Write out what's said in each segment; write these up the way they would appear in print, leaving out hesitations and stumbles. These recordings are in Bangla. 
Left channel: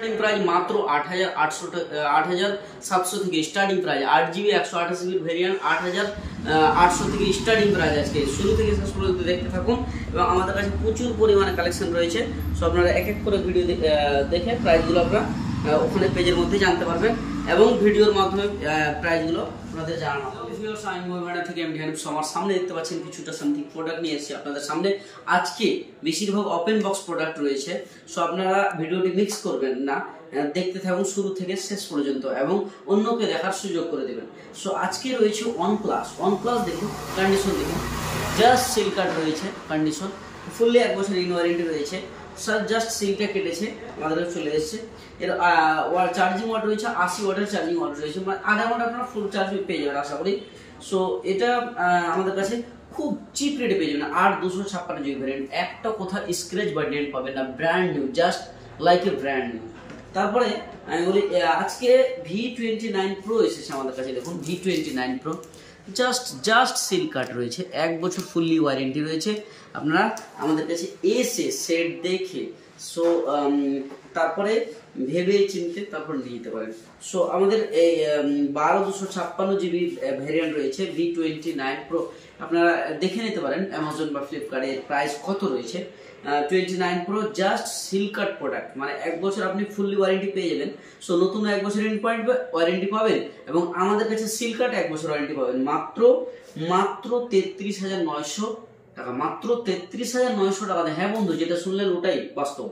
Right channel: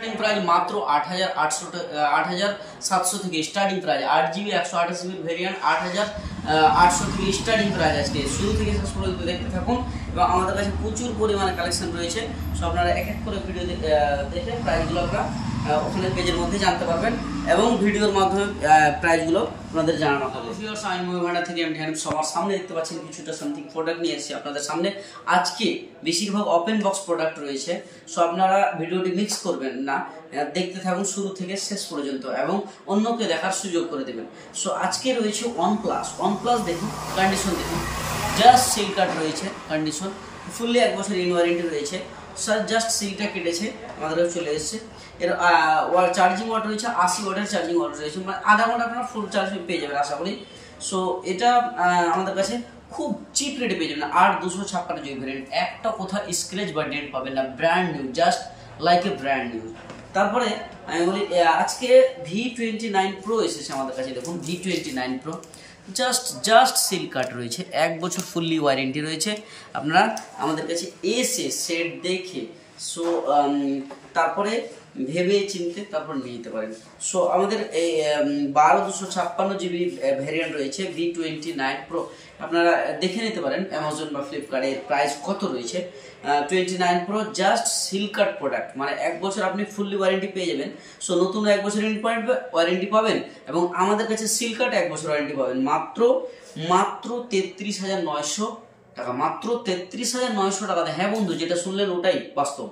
स्टार्टिंग प्राइस मात्र 8,700 থেকে starting price 8GB 128GB variant 8,800 থেকে স্টার্টিং প্রাইস আজকে শুরু থেকে শেষ পর্যন্ত দেখতে থাকুন এবং আমাদের কাছে প্রচুর পরিমাণে কালেকশন রয়েছে। সো আপনারা এক এক করে ভিডিও দেখে প্রাইসগুলো আপনারা ওখানে পেজের মধ্যে জানতে পারবেন এবং ভিডিওর মাধ্যমে প্রাইসগুলো আপনাদের জানানো হবে। আমি মুভি ভান্ডার থেকে এমডি হানিফ সবার সামনে দেখতে পাচ্ছেন কিছুটা সামথিং প্রোডাক্ট নিয়ে এসেছি আপনাদের সামনে। আজকে বেশিরভাগ ওপেন বক্স প্রোডাক্ট রয়েছে। সো আপনারা ভিডিওটি মিক্স করবেন না, দেখতে থাকুন শুরু থেকে শেষ পর্যন্ত এবং অন্যকে দেখার সুযোগ করে দেবেন। সো আজকে রয়েছে OnePlus দেখুন, কন্ডিশন দেখুন, জাস্ট সিল কার্ড রয়েছে, কন্ডিশন ফুললি 1 বছর ইন ওয়ারেন্টি রয়েছে। স্যার জাস্ট সিলটা কেটেছে আমাদের চলে এসেছে। এর চার্জিং ওয়াট রয়েছে 80 ওয়াটের চার্জিং ওয়াট রয়েছে, মানে আধা ঘন্টা আপনারা ফুল চার্জ পেয়ে যাবেন আশা করি। সো এটা আমাদের কাছে খুব চিপ রেটে পেয়ে যাবেন। 8,256GB ভ্যারিয়েন্ট, একটা কোথাও স্ক্র্যাচ বা ডেন্ট পাবেন না, brand new, just like a brand new. তারপরে আমি বলি আজকে V29 Pro এসেছে আমাদের কাছে। দেখুন V29 Pro জাস্ট সিল কাট রয়েছে, 1 বছর ফুললি ওয়ারেন্টি রয়েছে। আপনারা আমাদের কাছে এসে সেট দেখে সো তারপরে ভেবে চিনতে তারপর নিয়ে নিতে পারেন। সো আমাদের এই 12,256GB ভ্যারিয়েন্ট রয়েছে V29 Pro, আপনারা দেখে নিতে পারেন অ্যামাজন বা ফ্লিপকার্টে এর প্রাইস কত রয়েছে। 29 Pro জাস্ট সিল কাট প্রোডাক্ট, মানে 1 বছর আপনি ফুললি ওয়ারেন্টি পেয়ে যাবেন। সো নতুন 1 বছর ওয়ারেন্টি পাবেন এবং আমাদের কাছে সিল কাট 1 বছর ওয়ারেন্টি পাবেন মাত্র 33,900 টাকা, মাত্র 33,900 টাকাতে। হ্যাঁ বন্ধু, যেটা শুনলেন ওটাই বাস্তব,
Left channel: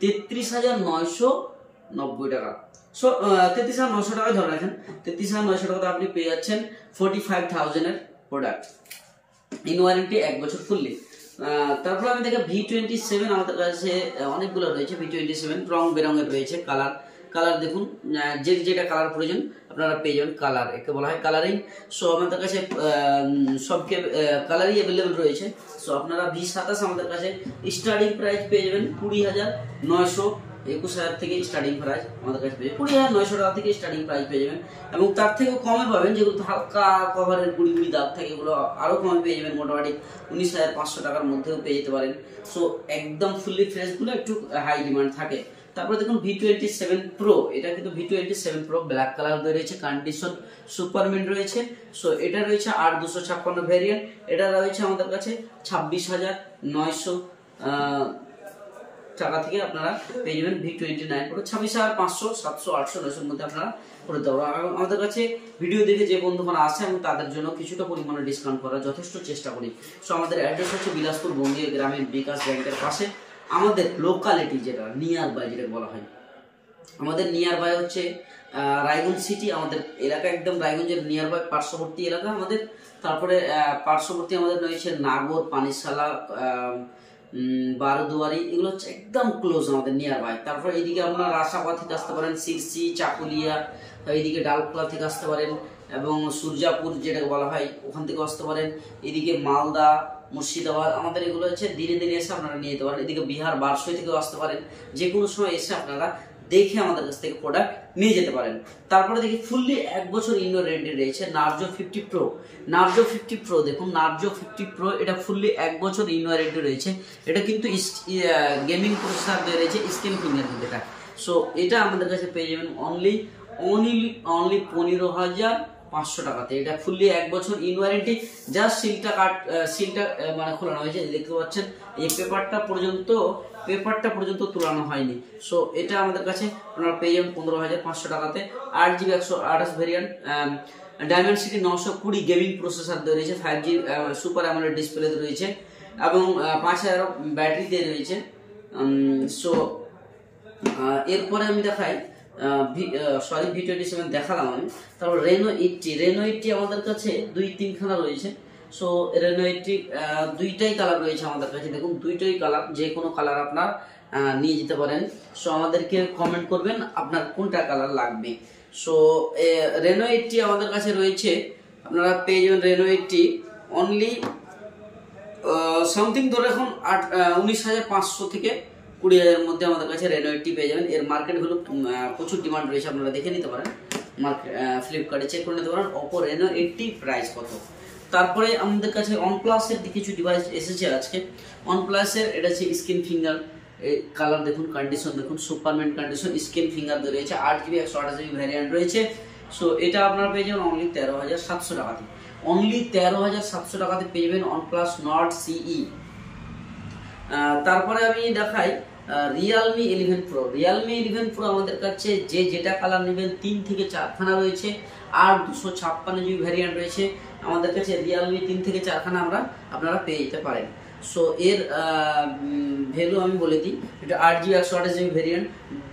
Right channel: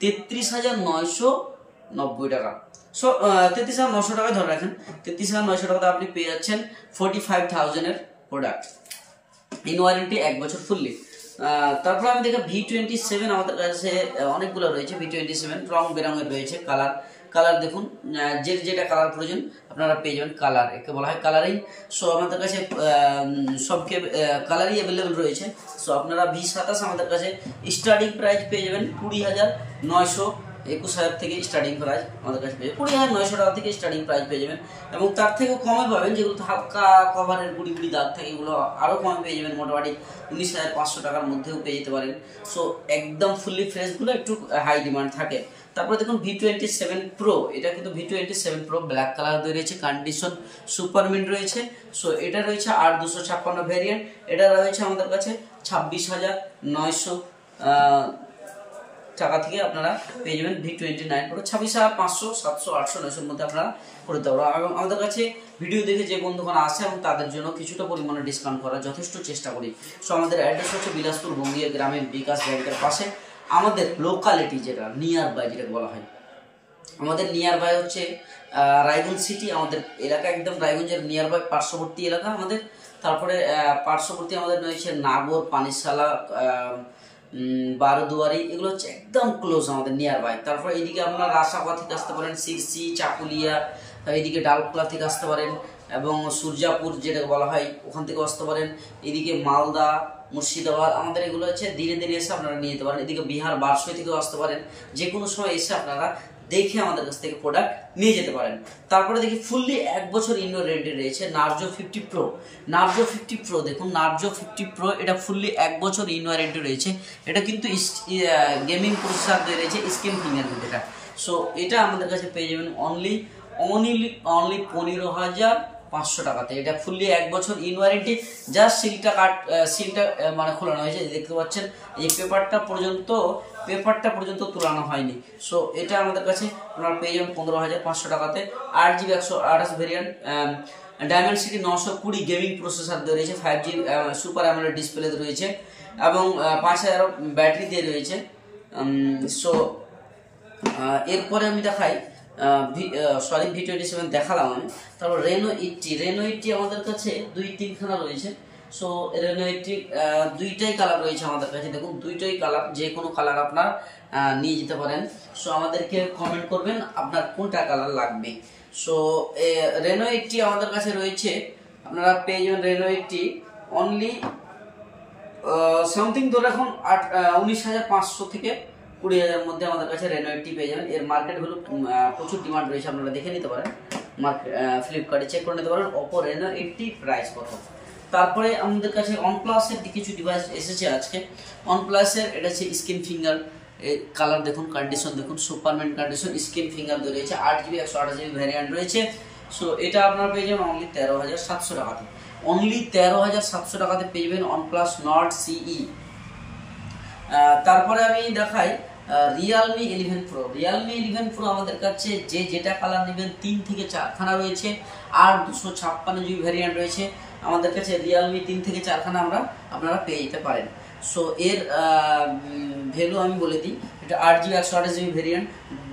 33,990 টাকা। সো 33,900 টাকায় ধরে রাখেন, 33,900 টাকাতে আপনি পেয়ে যাচ্ছেন 45,000 এর প্রোডাক্ট ইন ওয়ারেন্টি 1 বছর ফুললি। তারপরে আমি দেখি V27 আমাদের কাছে অনেকগুলো রয়েছে। V27 রং বেরঙের রয়েছে, কালার দেখুন, যেটা কালার প্রয়োজন আপনারা পেয়ে যাবেন। কালার একে বলা হয় কালারিং। সো আমাদের কাছে সবকে কালারই অ্যাভেলেবেল রয়েছে। সো আপনারা V27 আমাদের কাছে স্টার্টিং প্রাইস পেয়ে যাবেন 20,900, 21,000 থেকে স্টার্টিং প্রাইস আমাদের কাছে পেয়ে যাবেন। 20,900 টাকা থেকে স্টার্টিং প্রাইস পেয়ে যাবেন এবং তার থেকেও কমে পাবেন যেগুলো হালকা কভারের গুড়ি দাগ থাকে, এগুলো আরও কমে পেয়ে যাবেন, মোটামুটি 19,500 টাকার মধ্যেও পেয়ে যেতে পারেন। সো একদম ফুললি ফ্রেশগুলো একটু হাই ডিমান্ড থাকে। তারপরে দেখুন V27 Pro, এটা কিন্তু V27 Pro ব্ল্যাক কালার রয়েছে, কন্ডিশন সুপারমিন্ট রয়েছে। সো এটা রয়েছে 8,256 ভ্যারিয়েন্ট, এটা রয়েছে আমাদের কাছে 26,900 টাকা থেকে আপনারা পেয়ে যাবেন V29 Pro। 26,500, 700, 800, 900 মধ্যে আপনারা করে দেবো। এবং আমাদের কাছে ভিডিও দেখে যে বন্ধুগণ আসে এবং তাদের জন্য কিছুটা পরিমাণে ডিসকাউন্ট করার যথেষ্ট চেষ্টা করি। সো আমাদের অ্যাড্রেস হচ্ছে বিলাসপুর বঙ্গীয় গ্রামের বিকাশ ব্যাংকের পাশে। আমাদের লোকালিটি যেটা নিয়ার বাই যেটা বলা হয়, আমাদের নিয়ার বাই হচ্ছে রায়গঞ্জ সিটি, আমাদের এলাকা একদম রায়গঞ্জের নিয়ার বাই পার্শ্ববর্তী এলাকা আমাদের। তারপরে পার্শ্ববর্তী আমাদের রয়েছে নাগর, পানিশালা, বারোদুয়ারি, এগুলো হচ্ছে একদম ক্লোজ আমাদের নিয়ার বাই। তারপরে এইদিকে আপনারা রাসাপা থেকে আসতে পারেন, সিরসি, চাকুলিয়া, এইদিকে ডালখোলা থেকে আসতে পারেন এবং সূর্যাপুর যেটা বলা হয় ওখান থেকে আসতে পারেন। এদিকে মালদা, মুর্শিদাবাদ, আমাদের এগুলো হচ্ছে ধীরে ধীরে এসে আপনারা নিয়ে যেতে পারেন। এদিকে বিহার, বারসই থেকেও আসতে পারেন। যে কোনো সময় এসে আপনারা দেখে আমাদের কাছ থেকে প্রোডাক্ট নিয়ে যেতে পারেন। তারপরে দেখি ফুললি 1 বছর ইনডোর রেডি রয়েছে নার্জো 50 Pro। নার্জো 50 Pro দেখুন, নার্জো 50 Pro এটা ফুললি 1 বছর ইন ওয়ারেন্টি রয়েছে। এটা কিন্তু গেমিং প্রসেসর দিয়ে রয়েছে, স্ক্রিন ফিঙ্গারপ্রিন্ট এটা। সো এটা আমাদের কাছে পেয়ে যাবেন অনলি 15,500 টাকাতে। এটা ফুললি 1 বছর ইন ওয়ারেন্টি, জাস্ট সিলটা মানে খোলানো হয়েছে, দেখতে পাচ্ছেন এই পেপারটা পর্যন্ত তুলানো হয়নি। সো এটা আমাদের কাছে আপনারা পেয়ে যাবেন 15,500 টাকাতে। 8GB 128 variant, diamond city 920 gaming processor দিয়ে রয়েছে, 5G সুপার অ্যামোলেড ডিসপ্লে রয়েছে এবং 5,000 ব্যাটারি দিয়ে রয়েছে। সো এরপরে আমি দেখাই V27 দেখালাম আমি। তারপর রেনো 80 আমাদের কাছে 2-3 খানা রয়েছে। সো রেনো 80 দুইটাই কালার রয়েছে আমাদের কাছে। দেখুন দুইটাই কালার, যে কোনো কালার আপনার নিয়ে যেতে পারেন। সো আমাদেরকে কমেন্ট করবেন আপনার কোনটা কালার লাগবে। সো রেনো 80 আমাদের কাছে রয়েছে, আপনারা পেয়ে যাবেন রেনো 80 অনলি সামথিং ধরে রাখুন 19,500 থেকে 20,000 মধ্যে আমাদের কাছে রেনো 80 পেয়ে যাবেন। এর মার্কেট ভ্যালু প্রচুর ডিমান্ড রয়েছে, আপনারা দেখে নিতে পারেন, ফ্লিপকার্টে চেক করে নিতে পারেন ওপো রেনো 80 প্রাইস কত। তারপরে আমাদের কাছে OnePlus এর কিছু ডিভাইস এসেছে আজকে। OnePlus এর এটা হচ্ছে স্ক্রিন ফিঙ্গার, এই কালার দেখুন, কন্ডিশন দেখুন, সুপারম্যান কন্ডিশন, স্ক্রিন ফিঙ্গার রয়েছে, 8GB 128GB ভ্যারিয়েন্ট রয়েছে। সো এটা আপনারা পেয়ে যাবেন অনলি 13,700 টাকাতে। অনলি 13,700 টাকাতে পেয়ে যাবেন OnePlus Nord CE। তারপরে আমি দেখাই Realme 11 Pro। Realme 11 Pro আমাদের কাছে যে যেটা কালার নেবেন 3 থেকে 4 খানা রয়েছে, আর 256GB ভ্যারিয়েন্ট রয়েছে আমাদের কাছে। Realme 3 থেকে 4 খানা আপনারা পেয়ে যেতে পারেন। সো এর ভ্যালু আমি বলে দিই, এটা 8GB 128GB ভ্যারিয়েন্ট,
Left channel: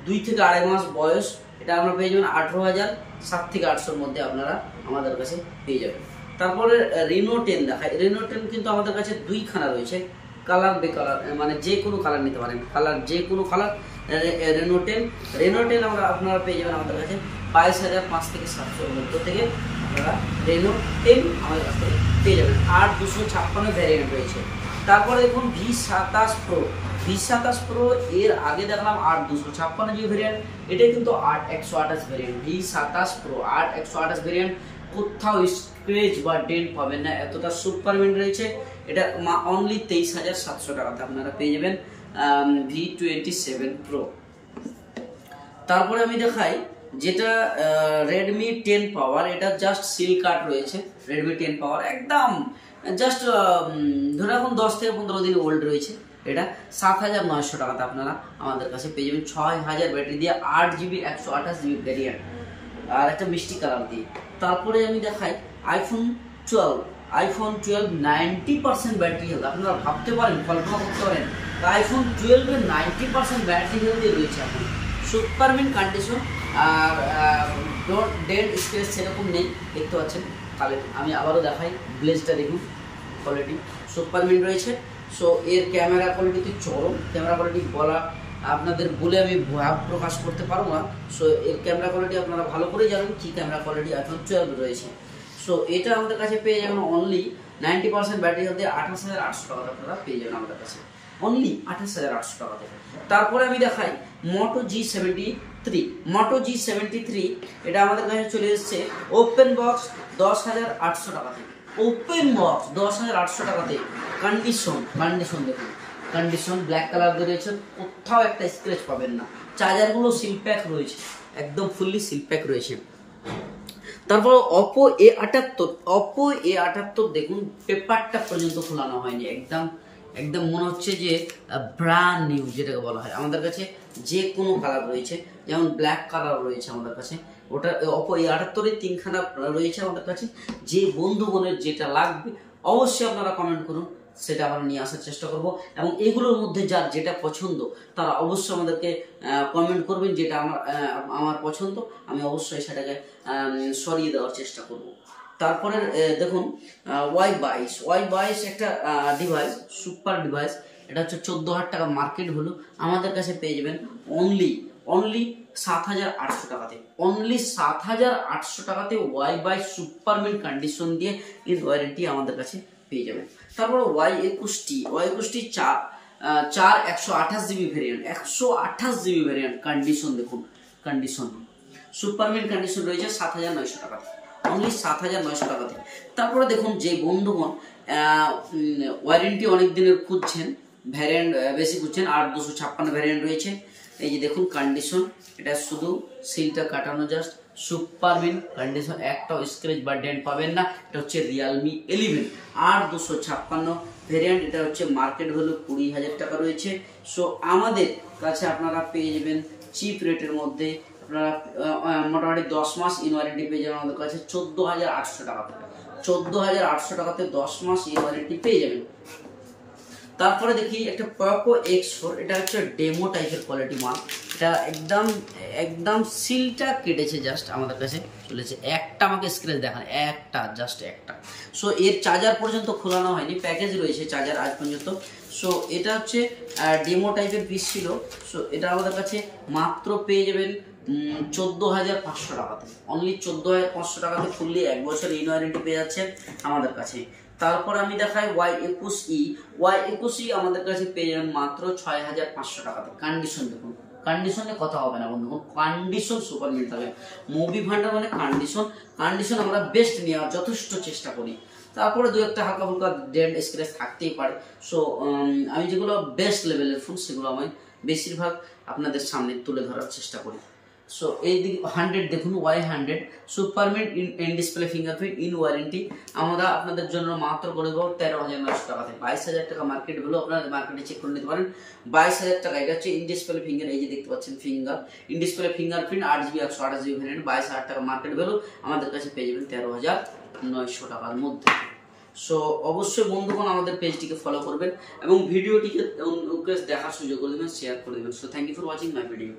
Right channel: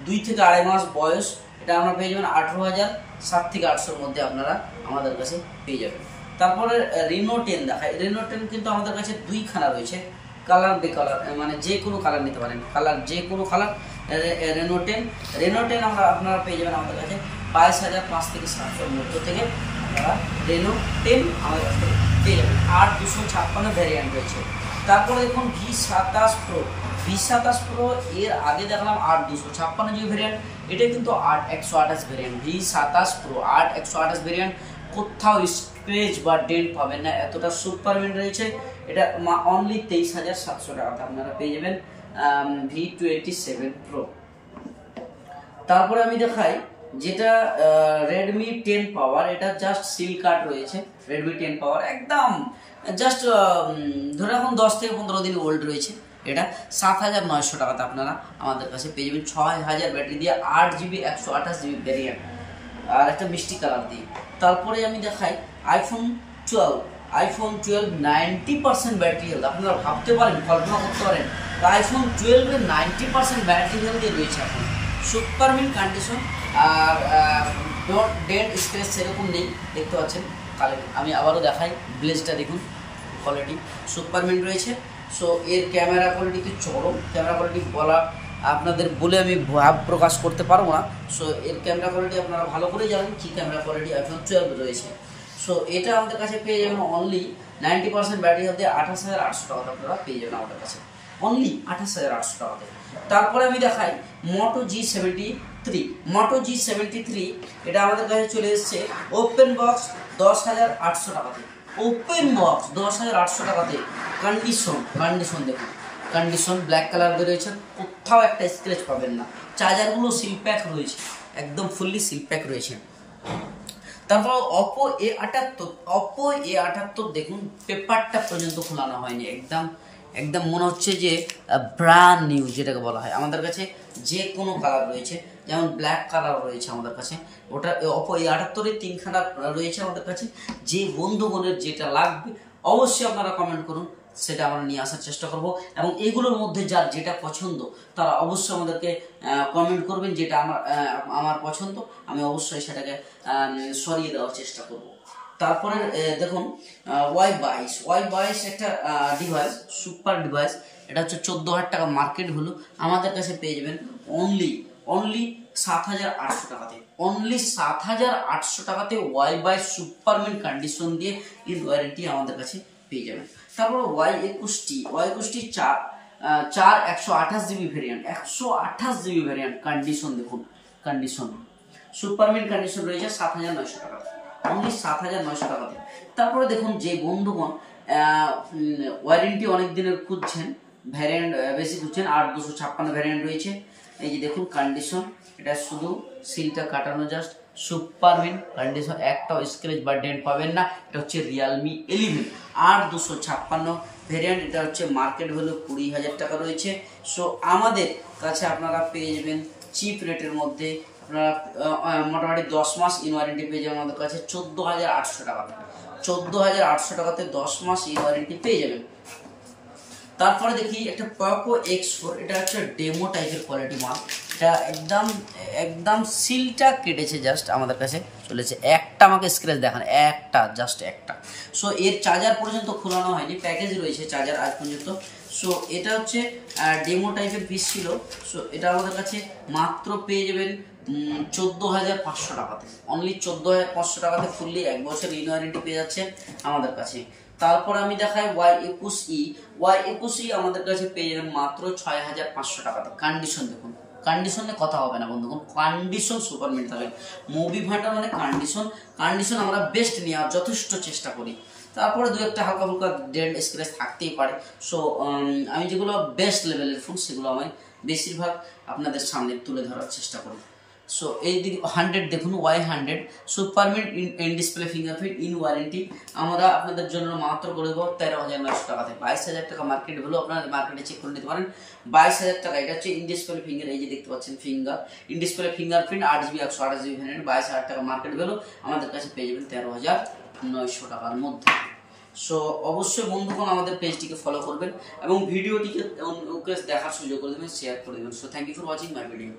2 থেকে 2.5 মাস বয়স। এটা আমরা পেয়ে যাবেন 18,700 থেকে 800 মধ্যে আপনারা আমাদের কাছে পেয়ে যাবেন। তারপরে Reno 10 দেখায়। Reno 10 কিন্তু আমাদের কাছে 2 খানা রয়েছে, কালার বেকালার, মানে যে কোনো কালার নিতে পারেন, কালার যে কোনো কালার। Reno 10 আপনারা পেয়ে যাবেন আমাদের কাছে 22,500 থেকে 700 মধ্য থেকে আপনারা Reno 10 আমাদের কাছ থেকে পেয়ে যাবেন। 8/256 ভ্যারিয়েন্ট রয়েছে। তারপরে দেখুন V27 Pro। V27 Pro এর আগে দেখলাম 8/256GB ভ্যারিয়েন্ট, এটা কিন্তু 8/128 ভ্যারিয়েন্ট। V27 Pro 8/128 ভ্যারিয়েন্ট, কোথাও স্ক্র্যাচ বা ডেন্ট পাবেন না, এতটা সুপারম্যান রয়েছে। এটা অনলি 23,700 টাকাতে আপনারা পেয়ে যাবেন V27 Pro। তারপরে আমি দেখাই যেটা Redmi 10 Power। এটা জাস্ট সিল কাট রয়েছে, Redmi 10 Power একদম জাস্ট ধরে রাখুন 10 থেকে 15 দিন ওল্ড রয়েছে। এটা 7,900 টাকাতে আপনারা আমাদের কাছে পেয়ে যাবেন 6,000 ব্যাটারি দিয়ে, 8GB 128GB ভ্যারিয়েন্ট, আর একটা মিষ্টি কালার দিয়ে। তারপরে আমি দেখাই iPhone 12 90% ব্যাটারি হেলথ। আপনারা ভাবতে পারেন, কল্পনা করতে পারেন iPhone 12 এর 90% ব্যাটারি হেলথ রয়েছে এখন, সুপারম্যান কন্ডিশন, আর ডেন্ট স্ক্র্যাচ সেরকম নেই, দেখতে পাচ্ছেন। তাহলে আমি আবারও দেখাই, ব্লেজটা দেখুন, কোয়ালিটি সুপারম্যান রয়েছে। সো এর ক্যামেরা কোয়ালিটিতে চরম, ক্যামেরা কোয়ালিটি আপনাদের বলে আমি ভাব প্রকাশ করতে পারবো না। সো এর ক্যামেরা কোয়ালিটি আপনারা ভালো করে জানেন কি ক্যামেরা কোয়ালিটি iPhone 12 রয়েছে। সো এটা আমাদের কাছে পেয়ে যাবেন অনলি 90% ব্যাটারি হেলথে 28,800 টাকাতে আপনারা পেয়ে যাবেন আমাদের কাছে, অনলি 28,800 টাকাতে। তারপরে আমি দেখাই Moto G73। এটা আমাদের কাছে চলে এসেছে ওপেন বক্স 10,800 টাকাতে, ওপেন বক্স 10,800 টাকাতে। কন্ডিশন দেখুন, কন্ডিশন ব্ল্যাক কালার রয়েছে, কোথাও একটা স্ক্র্যাচ পাবেন না। চার্জারগুলো সিল প্যাক রয়েছে, একদম ফুললি সিল প্যাক রয়েছে। তারপর Oppo A78 দেখুন, পেপারটা পর্যন্ত খোলানো হয়নি, একদম মনে হচ্ছে যে ব্র্যান্ড নিউ যেটাকে বলা হয়। আমাদের কাছে যে কোনো কালার রয়েছে, যেমন ব্ল্যাক কালার রয়েছে আমাদের কাছে, ওটা Oppo A78 এর 3 খানা রয়েছে আমাদের কাছে। যে বন্ধুগণের যেটা লাগবে অবশ্যই আপনারা কমেন্ট করুন, সেটা আমরা নিয়ে আসার চেষ্টা করব। এবং এগুলোর মধ্যে যার যেটা পছন্দ তারা অবশ্যই আমাদেরকে কমেন্ট করবেন, যেটা আমার পছন্দ আমি অবশ্যই সেটাকে সরিয়ে দেওয়ার চেষ্টা করব। তারপরে দেখুন Y22 একটা ডিভাইস, সুপার ডিভাইস। এটা হচ্ছে 14,000 টাকা মার্কেট ভ্যালু, আমাদের কাছে পেয়ে যাবেন অনলি 7,800 টাকাতে, অনলি 7,800 টাকাতে Y22 সুপারম্যান কন্ডিশন দিয়ে ইন ওয়ারেন্টি আমাদের কাছে পেয়ে যাবেন। তারপর Y21 4 128GB variant, 128GB variant, condition দেখুন, কন্ডিশন সুপারম্যান কন্ডিশন রয়েছে 7,900 টাকাতে, অনলি 7,900 টাকাতে। তারপরে দেখুন যে বন্ধুগণ ওয়ারেন্টি অনেক দিনের খুঁজছেন, ভ্যারিয়েন্ট বেশি খুঁজছেন, 8/256 ভ্যারিয়েন্ট রয়েছে। এই যে দেখুন কন্ডিশন, এটা শুধু সিলটা কাটানো, জাস্ট সুপারম্যান কন্ডিশন, একটাও স্ক্র্যাচ বা ডেন্ট পাবেন না। এটা হচ্ছে Realme 11 8/256 ভ্যারিয়েন্ট। এটা হচ্ছে মার্কেট ভ্যালু 20,000 টাকা রয়েছে। সো আমাদের কাছে আপনারা পেয়ে যাবেন চিপ রেটের মধ্যে, আপনারা মোটামুটি 10 মাস ইন ওয়ারেন্টি পেয়ে যাবেন আমাদের কাছে 14,800 টাকাতে, 14,800 টাকাতে 10 মাস ইন ওয়ারেন্টি পেয়ে যাবেন। তারপরে দেখি একটা Poco X4। এটা হচ্ছে ডেমো টাইপের কোয়ালিটি মাল, এটা একদম সিলটা কেটেছে, জাস্ট আমাদের কাছে চলেছে। একটা আমাকে স্ক্র্যাচ দেখান, জাস্ট একটা। সো এর চার্জার পর্যন্ত খোলানো হয়নি, প্যাকেজ রয়েছে চার্জার আজ পর্যন্ত। সো এটা হচ্ছে ডেমো টাইপের পিস ছিল। সো এটা আমাদের কাছে মাত্র পেয়ে যাবেন 14,500 টাকাতে, অনলি 14,500 টাকাতে ফুললি 1 বছর ইন ওয়ারেন্টি পেয়ে যাচ্ছেন আমাদের কাছে। তারপর আমি দেখাই Y21 আমাদের কাছে পেয়ে যাবেন মাত্র 6,500 টাকাতে। কন্ডিশন দেখুন, কন্ডিশনে কথা হবে না বন্ধুগণ, কন্ডিশন সুপারম্যান থাকে। মুভি ভান্ডার মানে কন্ডিশন আমরা বেস্ট নেওয়ার যথেষ্ট চেষ্টা করি। তারপরে দু একটা হালকা ফুলকা ডেন্ট স্ক্র্যাচ থাকতেই পারে। সো আমি যেগুলো বেস্ট লেভেলের ফোন সেগুলো আমি বেশিরভাগ আপনাদের সামনে তুলে ধরার চেষ্টা করি। সো এই দিকে 100 দেখুন, Y100 super mint in display fingerprint in warranty আমরা আপনাদের জন্য মাত্র করে দেবো 13,900 টাকাতে। 22,000 টাকা মার্কেট ভ্যালু, আপনারা মার্কেটে চেক করে নিতে পারেন। 22,000 টাকা। এটা হচ্ছে ইন ডিসপ্লে ফিঙ্গার, এই যে দেখতে পাচ্ছেন finger in display fingerprint 8GB 128GB variant, 22,000 টাকা মার্কেট ভ্যালু, আমাদের কাছে পেয়ে যাবেন 13,900 টাকার মধ্যে। সো অবশ্যই বন্ধুগণ আমাদের পেজটিকে ফলো করবেন এবং ভিডিওটিকে দেখার সুযোগ করে দেবেন, শেয়ার করে দেবেন। So thank you for watching my video.